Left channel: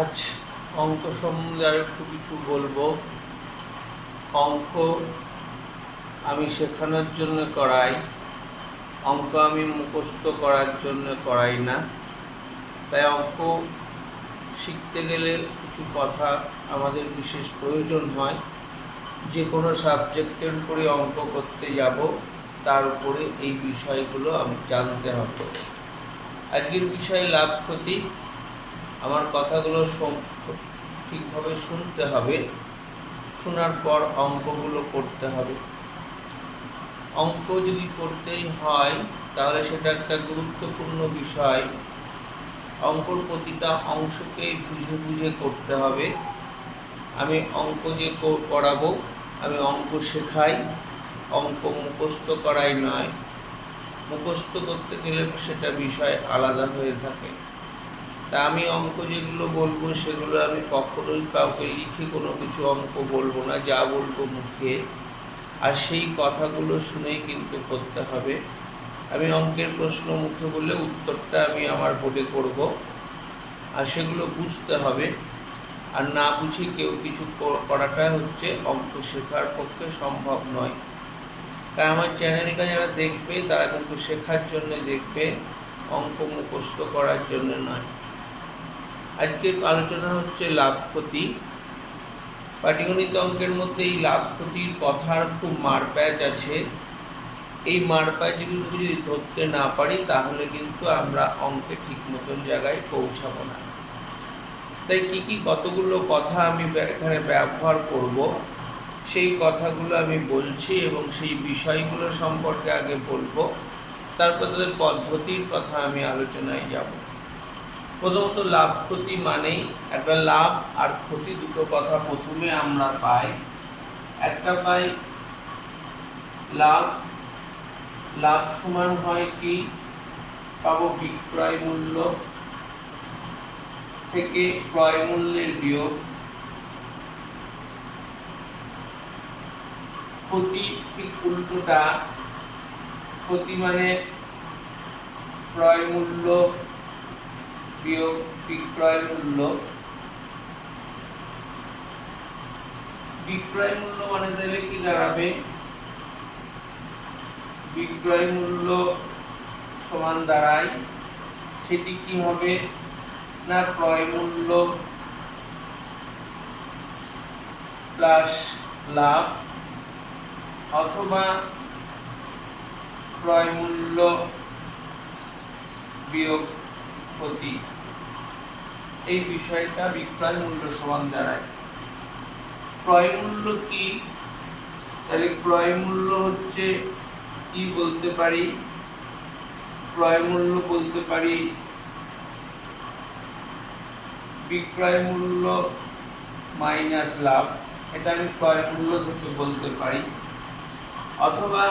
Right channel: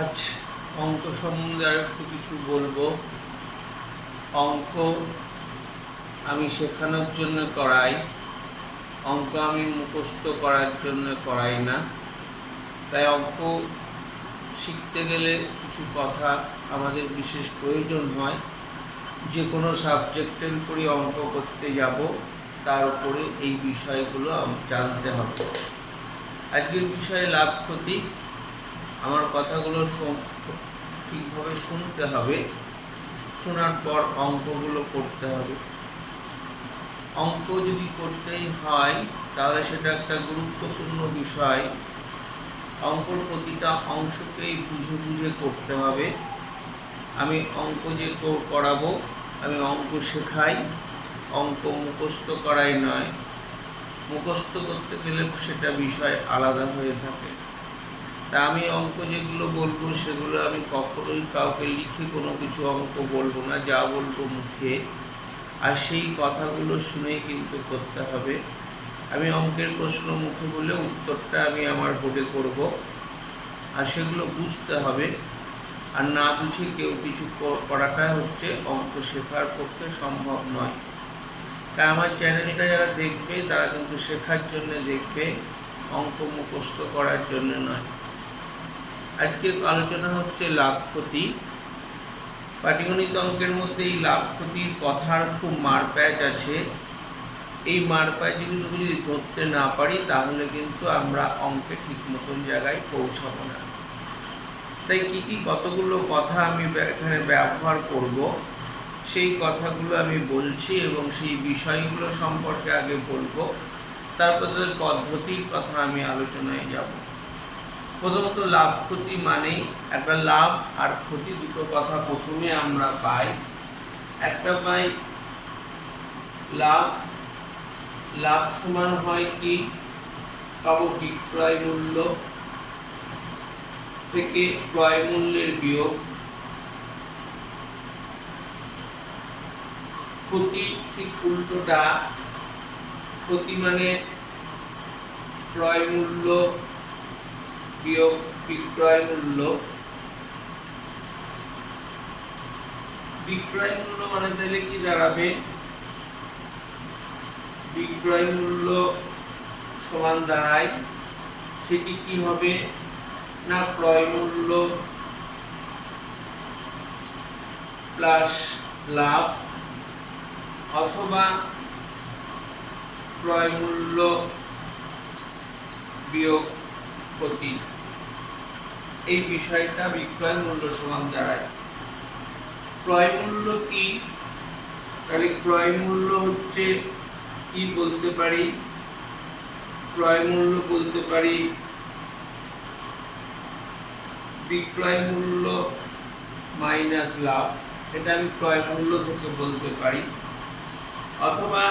আজ অঙ্ক সম্বন্ধে আর একটু কিছু বলবো। অঙ্ক আমি শেখানোর জন্য করাই, অঙ্ক আমি মুখস্থ করার জন্য করাই না। তাই অঙ্ক শিখতে গেলে কিছু কথা আমাদের বিশেষ প্রয়োজন হয়। যে কোনো সাবজেক্টের উপরে অঙ্ক করতে যাব, তার উপরে এই বিষয়গুলো জানতে হবে। আজকের বিষয়ে লাভ ক্ষতি, আমার কথাগুলো ঠিকভাবে শুনতে হবে, শোনার পর অঙ্কগুলো করতে হবে। অঙ্ক যদি করতেই হয় তাহলে সেটা একটা গুরুত্বপূর্ণ বিষয়। অঙ্কর প্রতিটা অংশকেই বুঝে বুঝে করতে হবে। আমি অঙ্ক যে করাবো, আমি অঙ্ক শেখাই, অঙ্ক মুখস্থ করাই নয়। মুখস্থ করতে গেলে সেটা বিষয় আলাদা হয়ে থাকে। তা আমি অঙ্ক যেগুলো বলবো সেগুলো আমি কখনোই কাউকে লিখে কোনো কিছু অঙ্ক বলবো না, যা বলবো মুখে, আর সেই কথাগুলো শুনেই কিন্তু করতে হবে। আমি অঙ্কের প্রশ্ন মুখে বলে উত্তরটা আমি আমার বোর্ডে করব, আর সেগুলো বুঝতে হবে। আর না বুঝে কেউ কিছু করাটা হচ্ছে অঙ্ক শেখার পক্ষে সম্ভব নয়। তাই আমার চ্যানেলটা যারা দেখবে তারা কিন্তু শেখার জন্য দেখবে, অঙ্ক মুখস্থ করার জন্য নয়। আজকের আলোচনা হচ্ছে লাভ ক্ষতি। পাটিগণিত অঙ্কের মধ্যে এই লাভ ক্ষতির কথার খুব মারপ্যাচ আছে। এই মারপ্যাচগুলো যদি ধরতে না পারি তাহলে কিন্তু আমরা অঙ্কে ঠিক মতন জায়গায় পৌঁছাবো না। তাই কী কতগুলো কথা আমি এখানে ব্যবহার করব, সেই কথাগুলো আমি বলছি এবং সেই বিষয়গুলো সম্পর্কে আগে বলবো, তারপর তাদের পদ্ধতির কথা আমি আলোচনায় যাব। প্রথমত লাভ ক্ষতি মানেই একটা লাভ আর ক্ষতি, দুটো কথা প্রথমে আমরা পাই। একটা পাই লাভ, লাভ সমান হয় কি, পাবো বিক্রয় মূল্য থেকে ক্রয় মূল্যের বিয়োগ। ক্ষতি ঠিক উল্টোটা, ক্ষতি মানে ক্রয় মূল্য বিয়োগ বিক্রয় মূল্য। বিক্রয় মূল্য মানে তাহলে কি দাঁড়াবে, বিক্রয় মূল্য সমান দাঁড়ায়, সেটি কি হবে না ক্রয় মূল্য প্লাস লাভ, অথবা ক্রয় মূল্য বিয়োগ ক্ষতি। এই বিষয়টা বিক্রয় মূল্য সমান দাঁড়ায়। ক্রয় মূল্য কি, তাহলে ক্রয় মূল্য হচ্ছে কি বলতে পারি, ক্রয় মূল্য বলতে পারি বিক্রয় মূল্য মাইনাস লাভ, এটা আমি ক্রয় মূল্য থেকে বলতে পারি। অথবা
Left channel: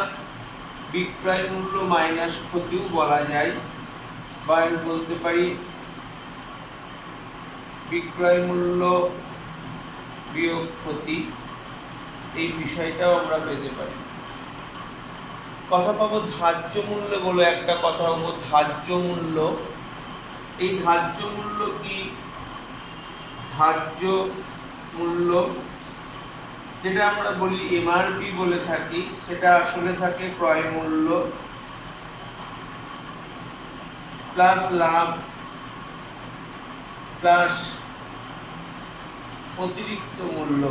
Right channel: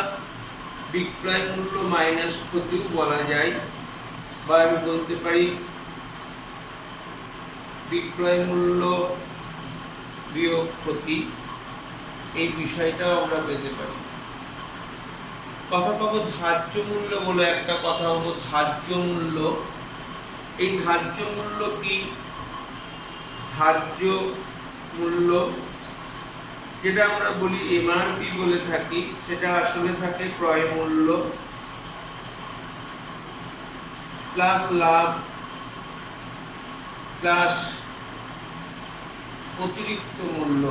বিক্রয় মূল্য মাইনাস ক্ষতিও বলা যায়, বা আমি বলতে পারি বিক্রয় মূল্য বিয়োগ ক্ষতি। এই বিষয়টাও আমরা পেতে পারি। কথা পাবো ধার্য মূল্য বলে একটা কথা হবো ধার্য মূল্য। এই ধার্য মূল্য কি, ধার্য মূল্য যেটা আমরা বলি এমআরপি বলে থাকি, সেটা আসলে থাকে ক্রয় মূল্য প্লাস লাভ প্লাস অতিরিক্ত মূল্য।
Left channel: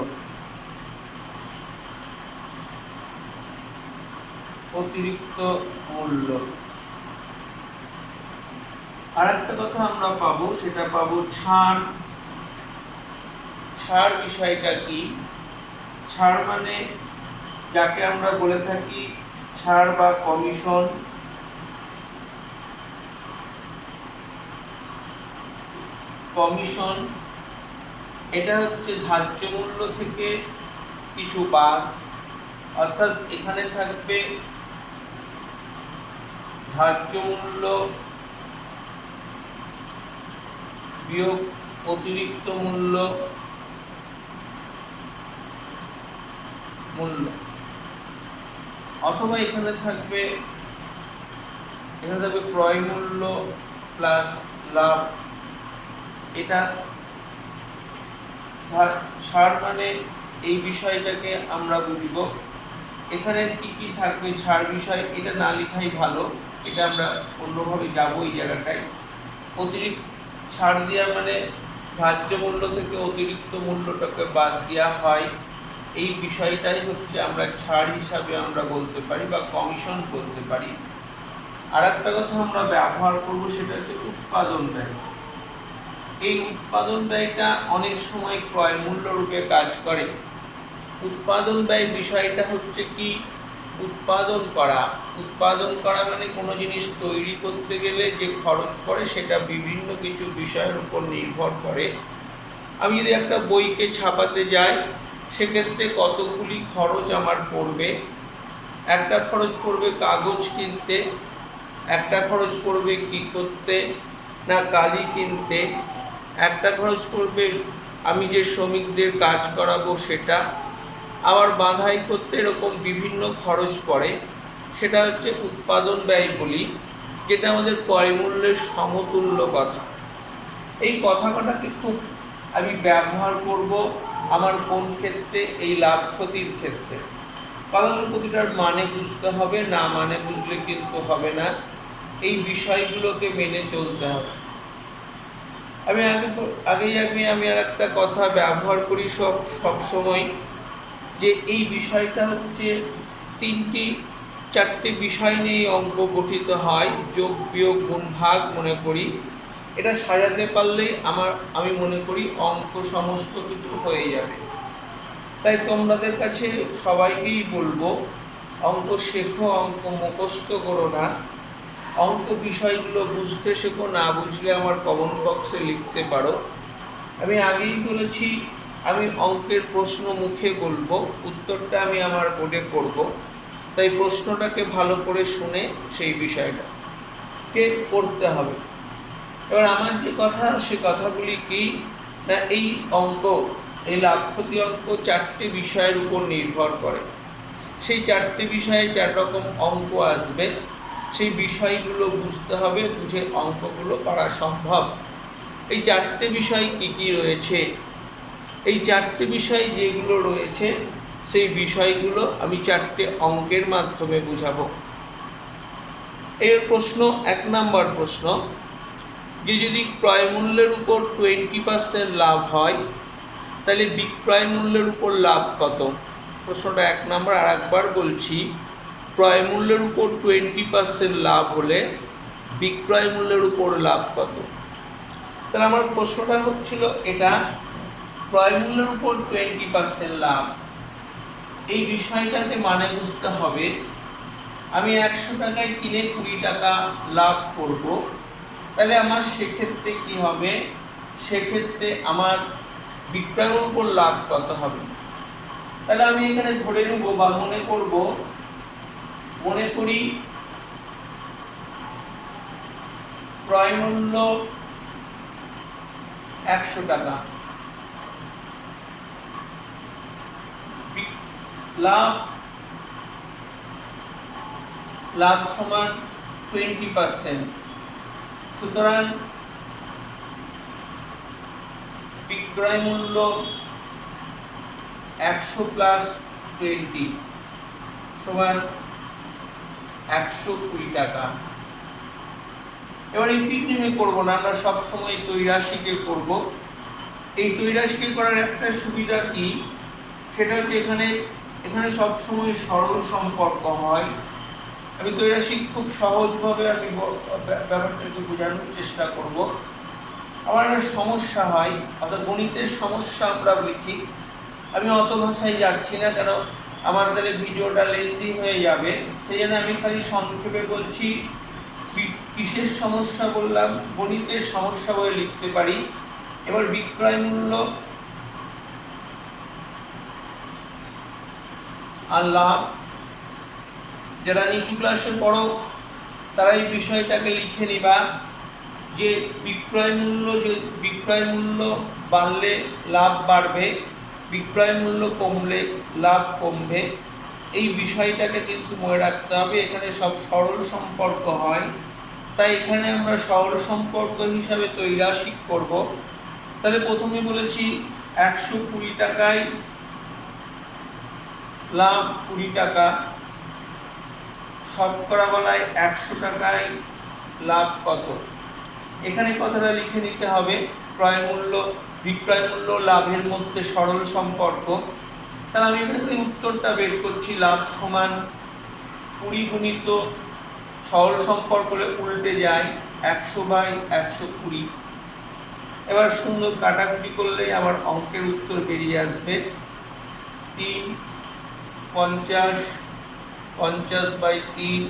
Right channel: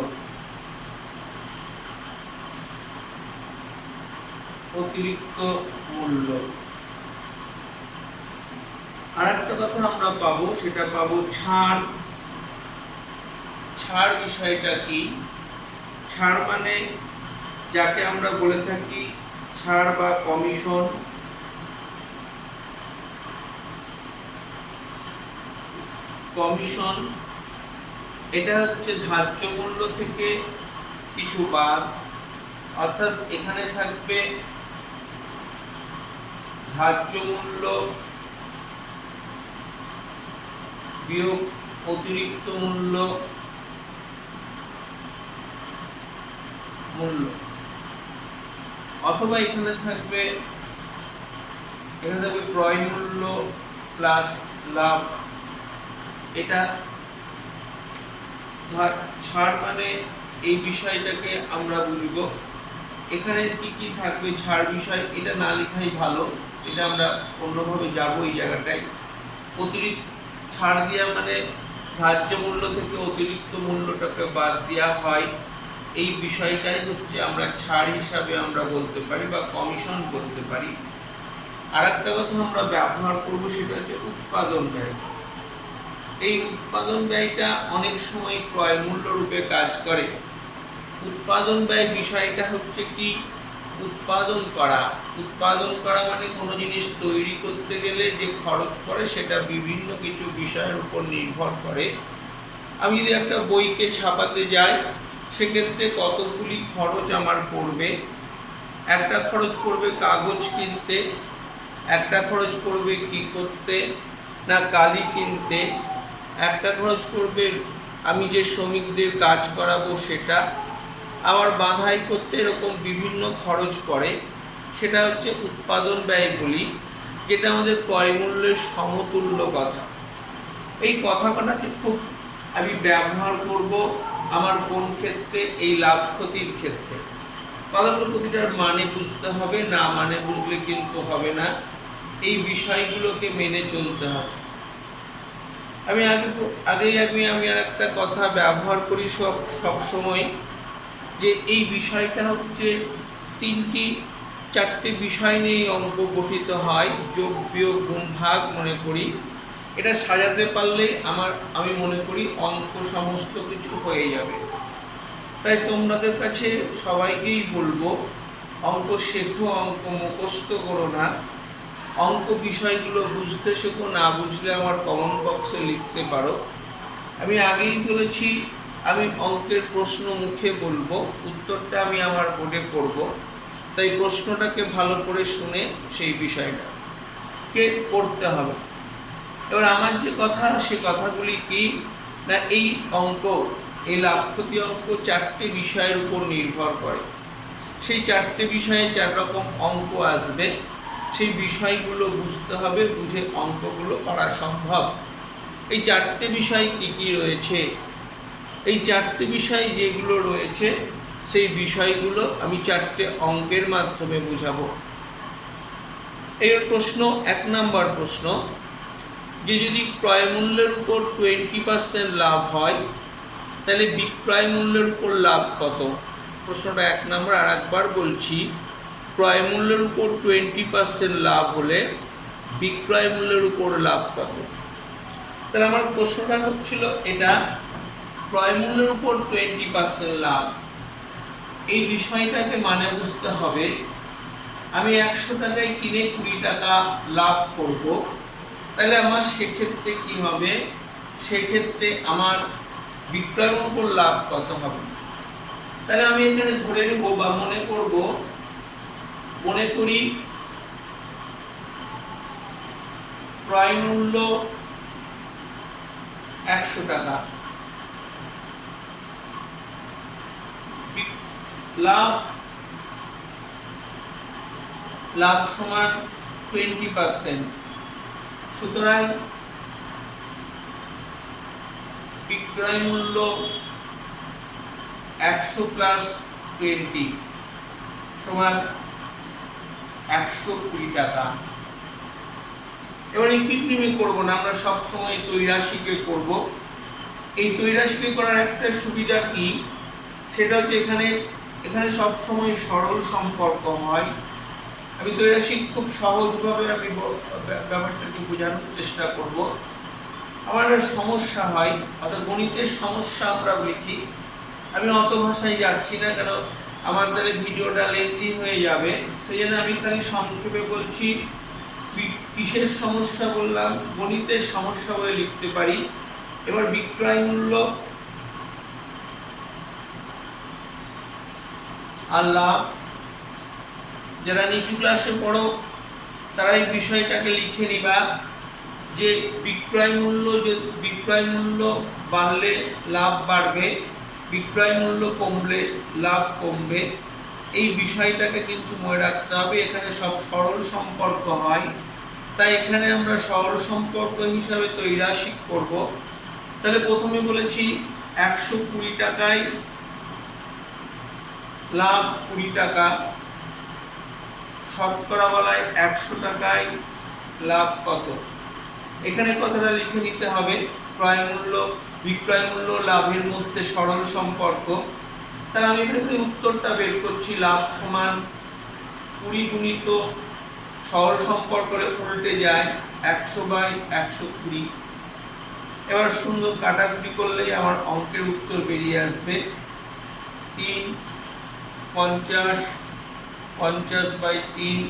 অতিরিক্ত মূল্য আরেকটা কথা আমরা পাবো, সেটা পাবো ছাড়। ছাড় বিষয়টা কি, ছাড় মানে যাকে আমরা বলে থাকি ছাড় বা কমিশন। কমিশন এটা হচ্ছে ধার্য মূল্য থেকে কিছু বাদ, অর্থাৎ এখানে থাকবে ধার্য মূল্য বিয়োগ অতিরিক্ত মূল্য, অথবা এখানে থাকবে ক্রয় মূল্য প্লাস লাভ। এটা ছাড় মানে এই বিষয়টাকে আমরা বুঝব। এখানে কি কি থাকবে ছাড় বিষয়, এটা না লেখাই ভালো, এটা আমরা অন্যভাবে যাব এই জায়গাটায়। অতিরিক্ত ছাড় দেওয়া মানে ধার্য মূল্য থেকে অতিরিক্ত মূল্যটাকে বাদ দেওয়া হয়, এই বিষয়টাই হচ্ছে আমরা ছাড় হিসাবে আমরা বলতে পারি বা কমিশন বলতে পারি। আর একটা কথা আমরা ব্যবহার করব, সেটা হচ্ছে উৎপাদন ব্যয়। এই উৎপাদন ব্যয়টা অনেক সময় ক্রয় মূল্য রূপে কাজ করে। উৎপাদন ব্যয় বিষয়টা হচ্ছে কি, উৎপাদন করা মানে কোনো জিনিস তৈরি করতে গেলে যে খরচ পড়ে সেটা বিভিন্ন কিছু বিষয়ের উপর নির্ভর করে। আমি যদি একটা বইকে ছাপাতে যাই, সেক্ষেত্রে কতগুলি খরচ আমার পড়বে। একটা খরচ পড়বে কাগজ কিনতে, একটা খরচ পড়বে কি করতে না কালি কিনতে, একটা খরচ পড়বে আমি যে শ্রমিকদের কাজ করাবো সেটা, আবার বাঁধাই করতে, এরকম বিভিন্ন খরচ পড়ে। সেটা হচ্ছে উৎপাদন ব্যয় বলি, যেটা আমাদের ক্রয় মূল্যের সমতুল্য কথা। এই কথাটাকে খুব আমি ব্যবহার করব আমার কোন ক্ষেত্রে, এই লাভ ক্ষতির ক্ষেত্রে। কথাগুলো প্রতিটার মানে বুঝতে হবে, না মানে বুঝলে কিন্তু হবে না, এই বিষয়গুলোকে মেনে চলতে হবে। আমি আমি আর একটা কথা ব্যবহার করি সব সময়, যে এই বিষয়টা হচ্ছে চারটি বিষয় নিয়ে অঙ্ক গঠিত হয়, যোগ বিয়োগ গুণ ভাগ মনে করি। এটা সাজাতে পারলেই আমি মনে করি অঙ্ক সমস্ত কিছু হয়ে যাবে। তাই তোমাদের কাছে সবাইকেই বলবো, অঙ্ক শেখো, অঙ্ক মুখস্থ করো না, অঙ্ক বিষয়গুলো বুঝতে শেখো। না বুঝলে আমার কমেন্ট বক্সে লিখতে পারো। আমি আগেই বলেছি, আমি অঙ্কের প্রশ্ন মুখে বলবো, উত্তরটা আমি আমার বোর্ডে করব। তাই প্রশ্নটাকে ভালো করে শুনে সেই বিষয়টাকে করতে হবে। এবার আমার যে কথা, সে কথাগুলি কি না, এই অঙ্ক, এই লাভ ক্ষতি অঙ্ক চারটে বিষয়ের উপর নির্ভর করে। সেই চারটে বিষয়ে 4 রকম অঙ্ক আসবে, সেই বিষয়গুলো বুঝতে হবে, বুঝে অঙ্কগুলো করা সম্ভব। এই চারটে বিষয় কি কি রয়েছে, এই চারটে বিষয় যেগুলো রয়েছে সেই বিষয়গুলো আমি চারটে অঙ্কের মাধ্যমে বুঝাবো। এর প্রশ্ন, 1 নম্বর প্রশ্ন, যে যদি ক্রয় মূল্যের উপর 20% লাভ হয়, তাহলে বিক্রয় মূল্যের উপর লাভ কত? প্রশ্নটা 1 নম্বর। আর একবার বলছি, ক্রয় মূল্যের উপর 20% লাভ হলে বিক্রয় মূল্যের উপর লাভ কত? তাহলে আমার প্রশ্নটা হচ্ছিল এটা, ক্রয় মূল্যের উপর 20% লাভ, এই বিষয়টাকে মানে বুঝতে হবে। আমি 100 টাকায় কিনে 20 টাকা লাভ করব, তাহলে আমার সেক্ষেত্রে কি হবে, সেক্ষেত্রে আমার বিক্রয়ের উপর লাভ কত হবে? তাহলে আমি এখানে ধরে নেব বা মনে করি ক্রয় মূল্য 100 টাকা, লাভ সমান 20%। সুতরাং বিক্রয় মূল্য 100 প্লাস 20 সমান 120 টাকা। এবার এই পিকনিমে করবো না, আমরা সবসময় তৈরাশিকে করব। এই তৈরাশিকে করার একটা সুবিধা কি, সেটা হচ্ছে এখানে সবসময় সরল সম্পর্ক হয়। আমি তৈরাশি খুব সহজভাবে আমি ব্যাপারটাকে বোঝানোর চেষ্টা করব। আমার একটা সমস্যা হয়, অর্থাৎ গণিতের সমস্যা আমরা লিখি, আমি অত ভাষায় যাচ্ছি না, কারণ আমার দ্বারা ভিডিওটা লেন্দি হয়ে যাবে, সেই জন্য আমি খালি সংক্ষেপে বলছি। বিশেষ সমস্যা বললাম, গণিতের সমস্যা বলে লিখতে পারি। এবার বিক্রয় মূল্য আর লাভ, যারা নিচু ক্লাসে পড়ো তারা এই বিষয়টাকে লিখে নিবা, যে বিক্রয় মূল্য বাড়লে লাভ বাড়বে, বিক্রয় মূল্য কমলে লাভ কমবে। এই বিষয়টাকে কিন্তু মনে রাখতে হবে। এখানে সব সরল সম্পর্ক হয়, তাই এখানে আমরা সরল সম্পর্ক হিসাবে তৈরাশিক করব। তাহলে প্রথমে বলেছি 120 টাকায় লাভ 20 টাকা, শতকরা বলায় 100 টাকায় লাভ কত? এখানে কথাটা লিখে নিতে হবে। ক্রয় মূল্য বিক্রয় মূল্য লাভের মধ্যে সরল সম্পর্ক। তাহলে আমি এখানে উত্তরটা বের করছি, লাভ সমান 20 গুণিত সরল সম্পর্কে উল্টে যায় 100/120। এবার সুন্দর কাটাকুটি করলেই আমার অঙ্কের উত্তর বেরিয়ে আসবে 3 50 50/3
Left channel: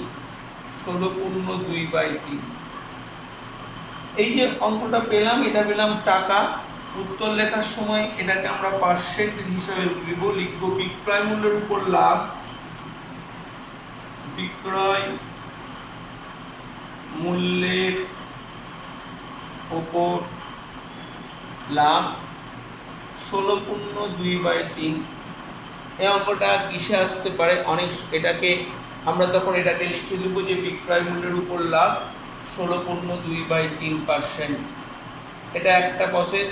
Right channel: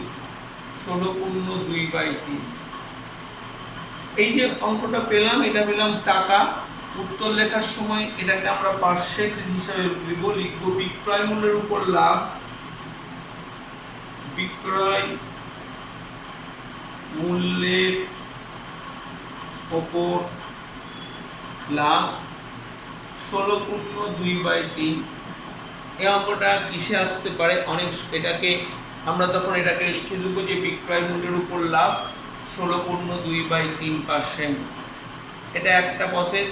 16/2/3। এই যে অঙ্কটা পেলাম, এটা পেলাম টাকা। উত্তর লেখার সময় এটাকে আমরা পার্সেন্ট হিসাবে লিখব বিক্রয় মূল্যের উপর লাভ, বিক্রয় মূল্যের উপর লাভ 16/2/3। এই অঙ্কটা কিসে আসতে পারে? এটাকে আমরা তখন এটাকে লিখে দেবো যে বিক্রয় মূল্যের উপর লাভ 16/2/3%। এটা একটা প্রসেস।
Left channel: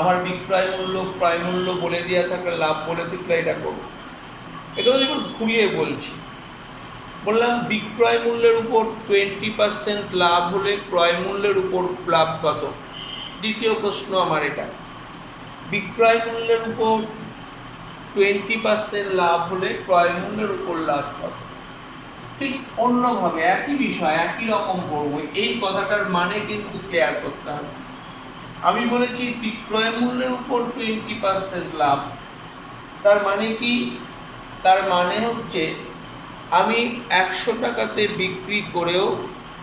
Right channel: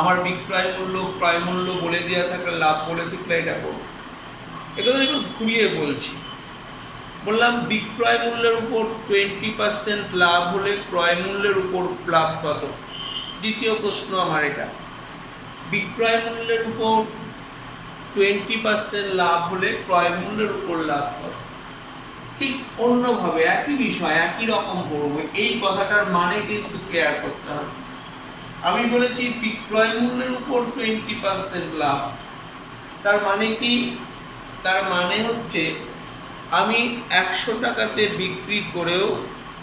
আমার বিক্রয় মূল্য ক্রয় মূল্য বলে দেওয়া থাকলে, লাভ বলে থাকলে এটা করব। এটা তো একটু ঘুরিয়ে বলছি। বললাম বিক্রয় মূল্যের উপর 20% লাভ হলে ক্রয় মূল্যের উপর লাভ কত? দ্বিতীয় প্রশ্ন আমার এটা। বিক্রয় মূল্যের উপর 20% লাভ হলে ক্রয় মূল্যের উপর লাভ কত? ঠিক অন্যভাবে একই বিষয় একই রকম পড়বো। এই কথাটার মানে কিন্তু ক্লিয়ার করতে হবে। আমি বলেছি বিক্রয় মূল্যের উপর 20% লাভ, তার মানে কি? তার মানে হচ্ছে আমি 100 টাকাতে বিক্রি করেও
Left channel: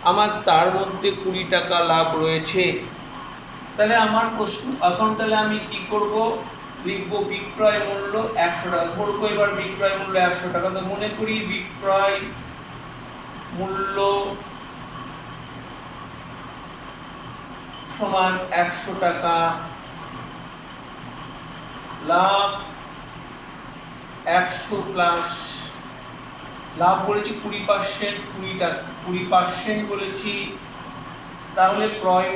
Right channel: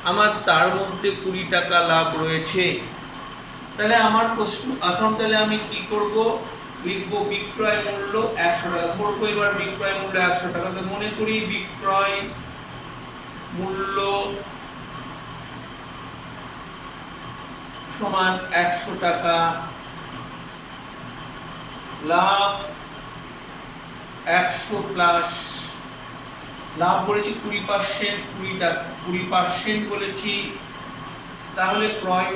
আমার তার মধ্যে 20 টাকা লাভ রয়েছে। তাহলে আমার প্রশ্ন এখন, তাহলে আমি কি করব? লিখবো বিক্রয় মূল্য 100 টাকা ধরবো। এবার বিক্রয় মূল্য 100 টাকা, তো মনে করি বিক্রয় মূল্য সমান 100 টাকা, লাভ 100 প্লাস লাভ বলেছি 20%, 20% বলেছি। তাহলে ক্রয়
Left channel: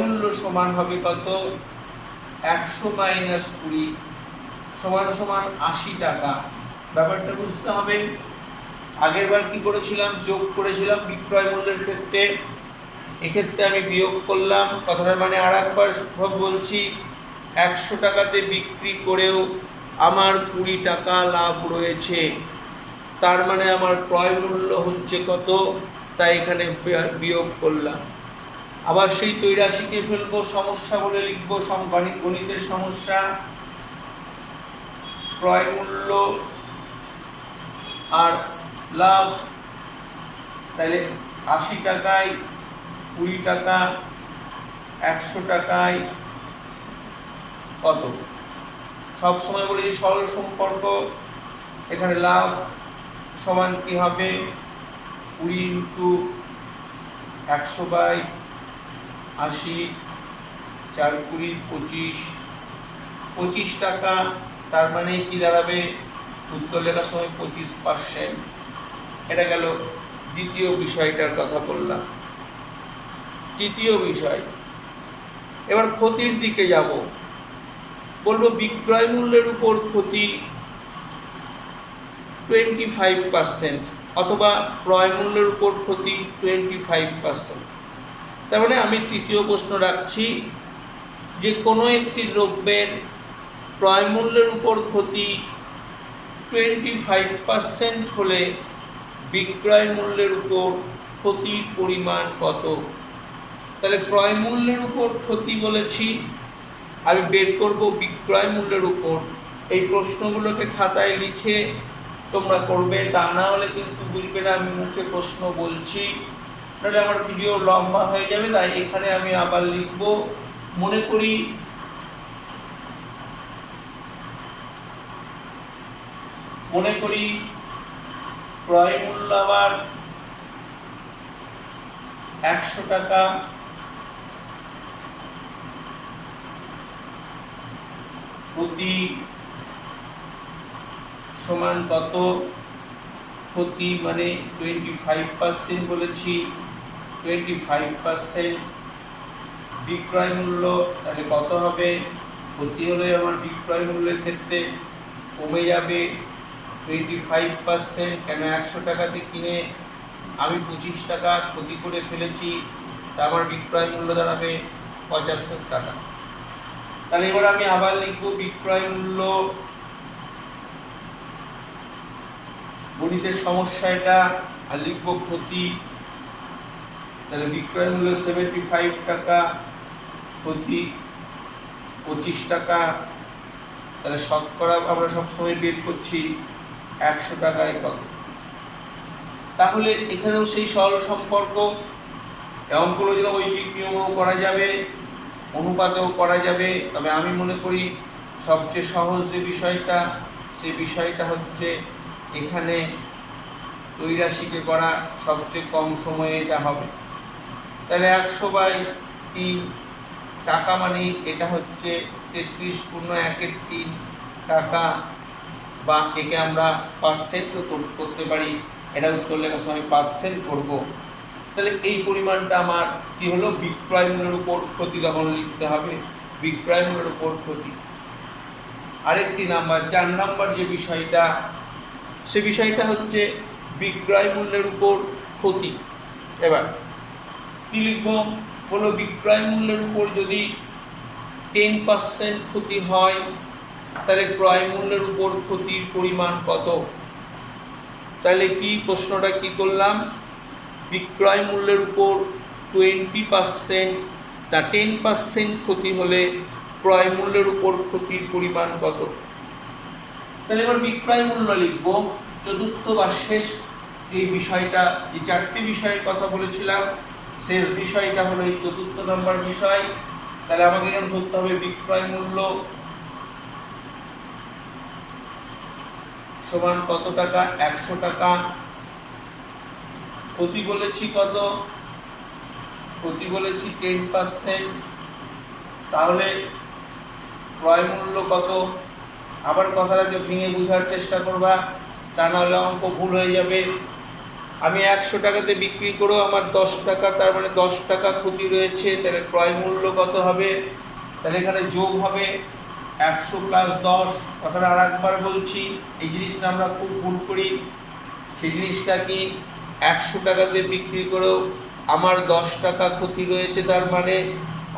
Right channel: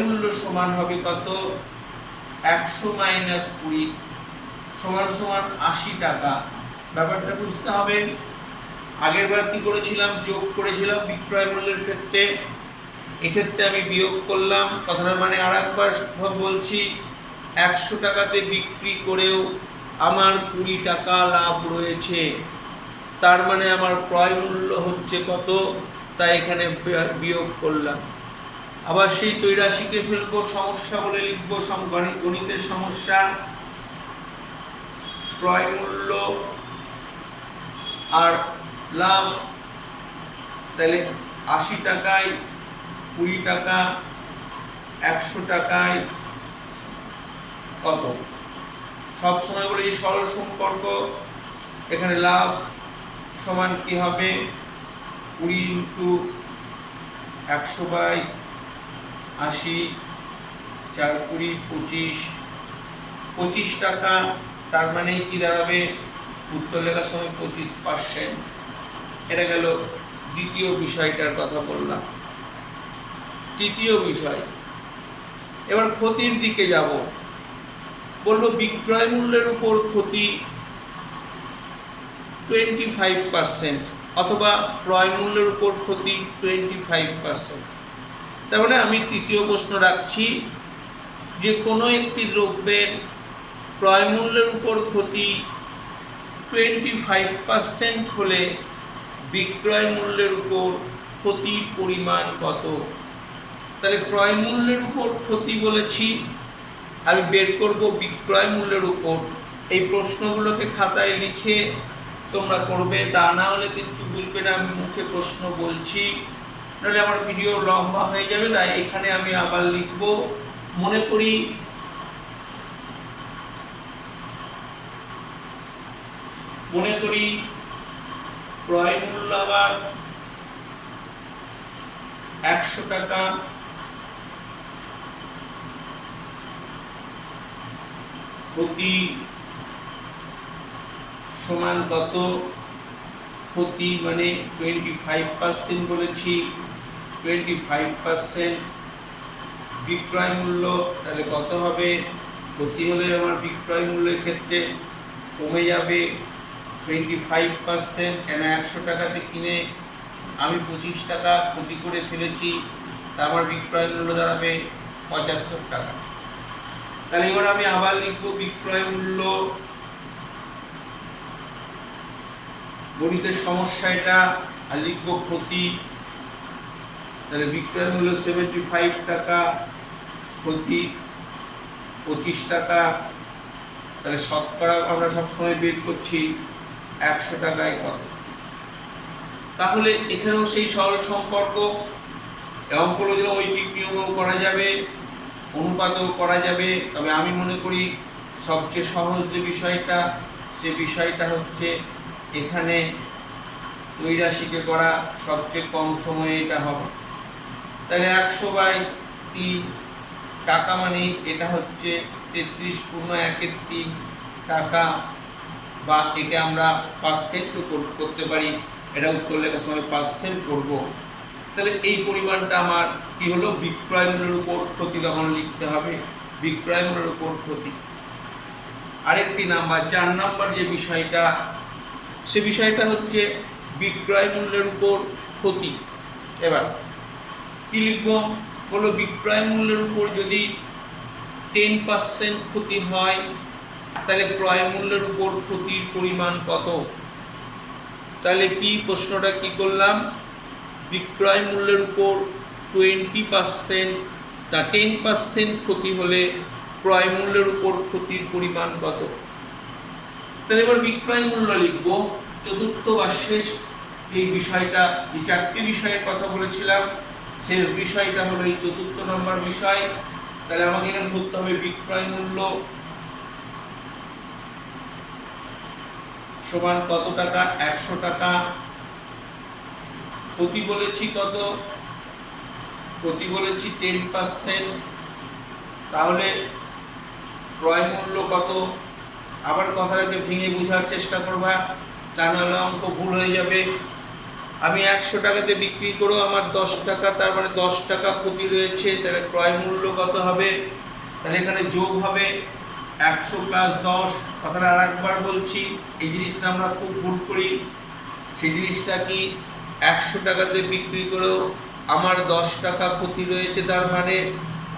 মূল্য সমান হবে কত? 100 - 20 সমান 80 টাকা। ব্যাপারটা বুঝতে হবে। আগের বার কি করেছিলাম? যোগ করেছিলাম বিক্রয় মূল্যের ক্ষেত্রে, এক্ষেত্রে আমি বিয়োগ করলাম। কথাটার মানে আর একবার বলছি, 100 টাকাতে বিক্রি করেও আমার 20 টাকা লাভ রয়েছে। তার মানে আমার ক্রয় মূল্য হচ্ছে কত? তাই এখানে বিয়োগ করলাম। আবার সেই তৈরাশিকে ফেলবো, সমস্যা বলে লিখবো, গণিতের সমস্যা। ক্রয় মূল্য আর লাভ, তাহলে 80 টাকায় 20 টাকা, 100 টাকায় কত? সব সময় বলি সরল সম্পর্ক। এখানে লাভ সমান কি হবে? 20 × 100/80, 4 × 20 = 25 টাকা। তার মানে কি দাঁড়াবে? উত্তর লেখার সময় 25%। এটা গেল দ্বিতীয় বিষয়টার কথা বললাম। তৃতীয় বিষয়, এবার ক্ষতির দিকে যাব। বলবো বিক্রয় মূল্যের উপর ক্ষতি 25% অথবা ক্রয় মূল্যের উপর ক্ষতি 25%। তার মানে আমি তৃতীয় প্রশ্ন রাখছি যে কোনো একটি দ্রব্যের ক্রয় মূল্যের উপর ক্ষতি 25% হলে বিক্রয় মূল্যের উপর ক্ষতির পরিমাণ কত? তাহলে ক্রয় মূল্যের উপর ক্ষতি বলেছি, আমি বের করব বিক্রয় মূল্যের উপর। এই প্রশ্নগুলোকে খাতায় লিখে তোমরা করবে, তা না হলে কিন্তু বুঝবে না আমি মুখে প্রশ্ন বলছি, নাহলে আমার ভিডিও লম্বা হয়ে যাবে। তাই এখানে আমি আবার লিখব। মনে করি ক্রয় মূল্য আবার 100 টাকা, ক্ষতি সমান কত? ক্ষতি মানে 25% বলেছি, 25% বিক্রয় মূল্য তাহলে কত হবে? ক্ষতি হলে আমার বিক্রয় মূল্যের ক্ষেত্রে কমে যাবে 25%। কেন 100 টাকাতে কিনে আমি 25 টাকা ক্ষতি করে ফেলেছি, তা আমার বিক্রয় মূল্য দাঁড়াবে 75 টাকা। তাহলে এবার আমি আবার লিখব বিক্রয় মূল্য, গণিতের সমস্যা এটা, আর লিখব ক্ষতি। তাহলে বিক্রয় মূল্য 75 টাকা, ক্ষতি 25 টাকা। তাহলে শতকরা আমরা সবসময় বের করছি 100 টাকায় কত। তাহলে এখানেও সেই সরল সম্পর্ক, অঙ্কগুলো যেন ঐকিক নিয়মেও করা যাবে, অনুপাতেও করা যাবে। তবে আমি মনে করি সবচেয়ে সহজ যে বিষয়টা, সে বিষয়টা হচ্ছে এখানে ত্রৈরাশিকে করা সবচেয়ে কম সময়ে এটা হবে। তাহলে 100/3 টাকা মানে এটা হচ্ছে 33.1 টাকা, বা একে আমরা পার্সেন্ট করতে পারি। এটা উত্তর লেখার সময় পার্সেন্ট করব। তাহলে এই পরিমাণটা আমার কি হলো? বিক্রয় মূল্যের উপর ক্ষতি তখন লিখতে হবে, বিক্রয় মূল্যের উপর ক্ষতি। আরেকটি নাম্বার 4 নাম্বার যে বিষয়টা, সে বিষয়টা হচ্ছে বিক্রয় মূল্যের উপর ক্ষতি। এবার কি লিখব? হলো বিক্রয় মূল্যের উপর যদি 10% ক্ষতি হয়, তাহলে ক্রয় মূল্যের উপর ক্ষতির পরিমাণ কত? তাহলে কি প্রশ্নটা কি করলাম? বিক্রয় মূল্যের উপর 20% না 10% ক্ষতি হলে ক্রয় মূল্যের উপর ক্ষতির পরিমাণ কত? তাহলে এবার বিক্রয় মূল্য লিখব। চতুর্থ বা শেষ এই বিষয়টা, এই 4টি বিষয়ের কথা বলেছিলাম, শেষ বিষয়টা হলো এই 4th নম্বর বিষয়। তাহলে আমাকে এখানে ধরতে হবে বিক্রয় মূল্য সমান কত টাকা? 100 টাকা। ক্ষতি বলেছি কত? ক্ষতি বলেছি 10%। তাহলে ক্রয় মূল্য কত? আবার কথাটাকে ভেঙে বোঝার চেষ্টা করবা, তা নাহলে অঙ্ক ভুল হয়ে যাবে। আমি 100 টাকাতে বিক্রি করেও আমার 10 টাকা, তার মানে 10 টাকা ক্ষতি রয়েছে। তাহলে ক্রয় মূল্য কত হবে? তাহলে এখানে যোগ হবে 100 + 10। কথাটা আর একবার বলছি, এই জিনিসটা আমরা খুব ভুল করি। সেই জিনিসটা কি? 100 টাকাতে বিক্রি করেও আমার 10 টাকা ক্ষতি রয়েছে, তার মানে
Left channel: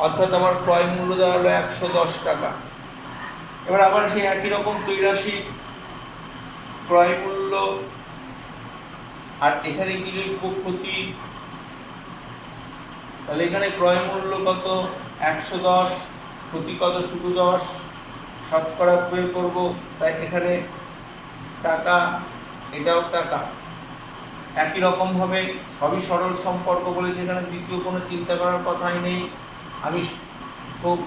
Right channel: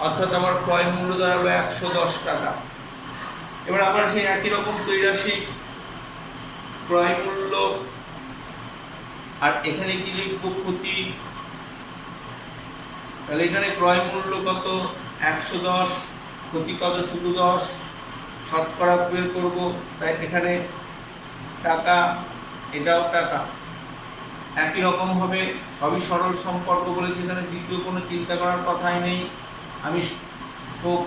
অর্থাৎ আমার ক্রয় মূল্য দাঁড়ালো 110 টাকা। এবার আবার সেই একই রকম ত্রৈরাশি, ক্রয় মূল্য, আর এখানে কি লিখব? ক্ষতি। তাহলে এখানে ক্রয় মূল্য কত? 110, ক্ষতি কত? শুধু 10। শতকরা বের করব, তাই এখানে টাকা, এটাও টাকা। একই রকম হবে, সবই সরল সম্পর্ক বলেছে, এখানে দ্বিতীয় কোনো চিন্তা করার কথাই নেই। আমি খুব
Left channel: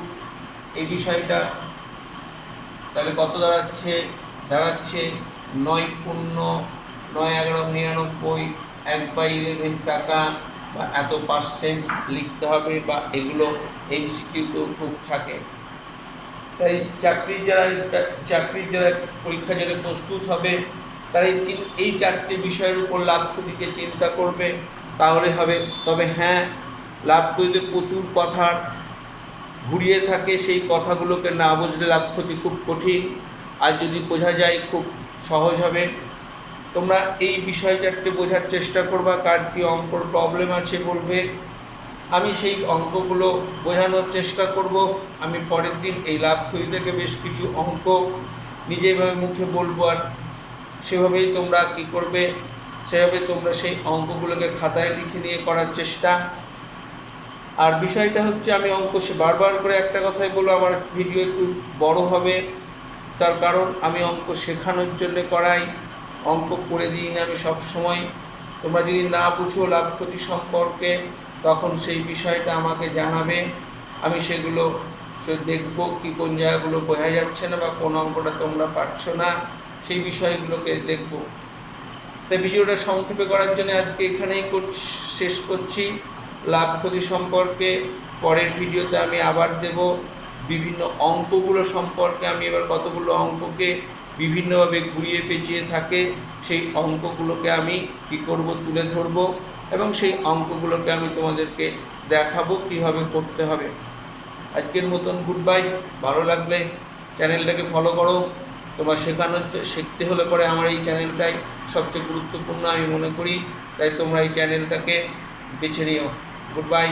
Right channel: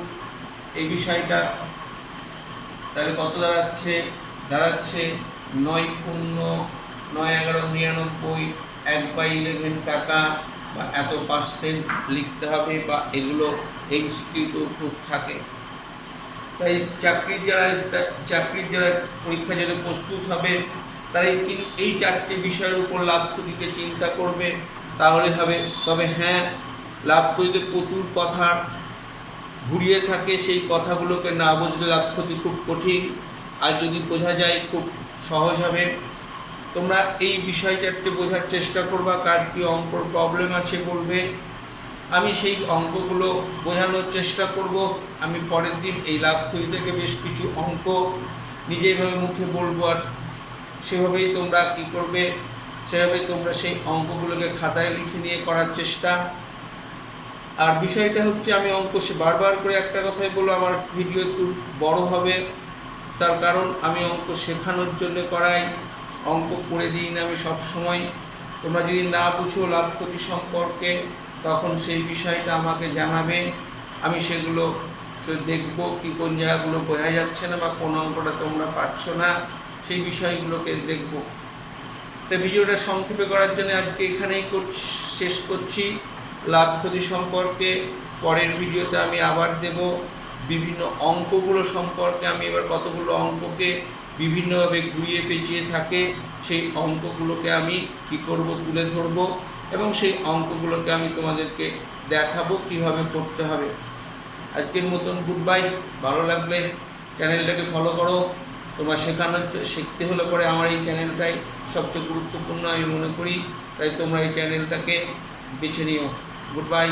এই বিষয়টা, তাহলে কত দাঁড়াচ্ছে? দাঁড়াচ্ছে 9×9=99, 1/11 টাকা, বা এত পার্সেন্ট লিখতে হবে, বা এগুলো এমসিকিউ খুব থাকে। তাই চাকরির যারা পরীক্ষার জন্য প্রস্তুত হবে, তারা এই 4টে বিষয়ের উপর লাভ ক্ষতিকে চিন্তা করবে, তাহলে হবে। তবে হ্যাঁ, লাভ ক্ষতিতে প্রচুর কথা ঘুরিয়ে থাকে, সেই কথাগুলোকে না বুঝলে লাভ ক্ষতি খুব কঠিন, আর যদি বোঝা যায় খুব সহজ হবে। তোমরা এই বিষয় 4টে বোঝার চেষ্টা করবা। কার কি অঙ্কর প্রবলেম আছে বলবে, আমি সেই অঙ্কগুলো বোঝানোর চেষ্টা করব। আমি পরের দিন এই লাভ ক্ষতি থেকে বেশ কিছু অঙ্ক নিজের মুখে বলবো, আর সেভাবেই তোমরা কি করবে, সেভাবে তোমরা সেই অঙ্কগুলোকে খাতায় লিখে নিয়ে করার চেষ্টা। আর বিষয়টা হচ্ছে, আমি অঙ্ক বারবার করে একটা কথাই বলবো, আমার ভিডিও একটু বড় হবে, তার কারণ আমি অঙ্ক শেখানোর জন্য করাই, অঙ্ক করে দিই না আমি সব সময়। তোমরা যদি না বুঝো লাভ ক্ষতি সম্পর্কে, তখন সেই বিষয়টা আমাকে জানাবে, আমি সেগুলো দেখব কি কোন জায়গাগুলো বোঝা যাচ্ছে না, বা কোন অঙ্কটা তোমরা পারছো না, সেই বিষয়গুলোকে দেখব। তাই ভিডিওটা সংক্ষেপে করার জন্য আজকে এখানেই শেষ করছি লাভ ক্ষতি সম্পর্কে। পরের ভিডিওতে আমি আবার দেব বিভিন্ন অঙ্কগুলো সম্পর্কে। আমি এবার কতগুলো অঙ্ককে বিভিন্নভাবে ঘুরিয়ে পেঁচিয়ে থাকে, সেই অঙ্কগুলোকে আমি কী করব? তুলে ধরব, এবং সেই অঙ্কগুলোকে আমি তোমাদেরকে দেখাবো কীভাবে করতে হবে। আজকের মতন গুড বাই। ভালো লাগলে চ্যানেলটাকে ফলো করো। তোমার শিখতে হলে পরে আমার এই চ্যানেলটাই সবচেয়ে গুরুত্বপূর্ণ আমি মনে করি, তাই তোমরা এই চ্যানেলটাকে বেছে নিও। Good bye.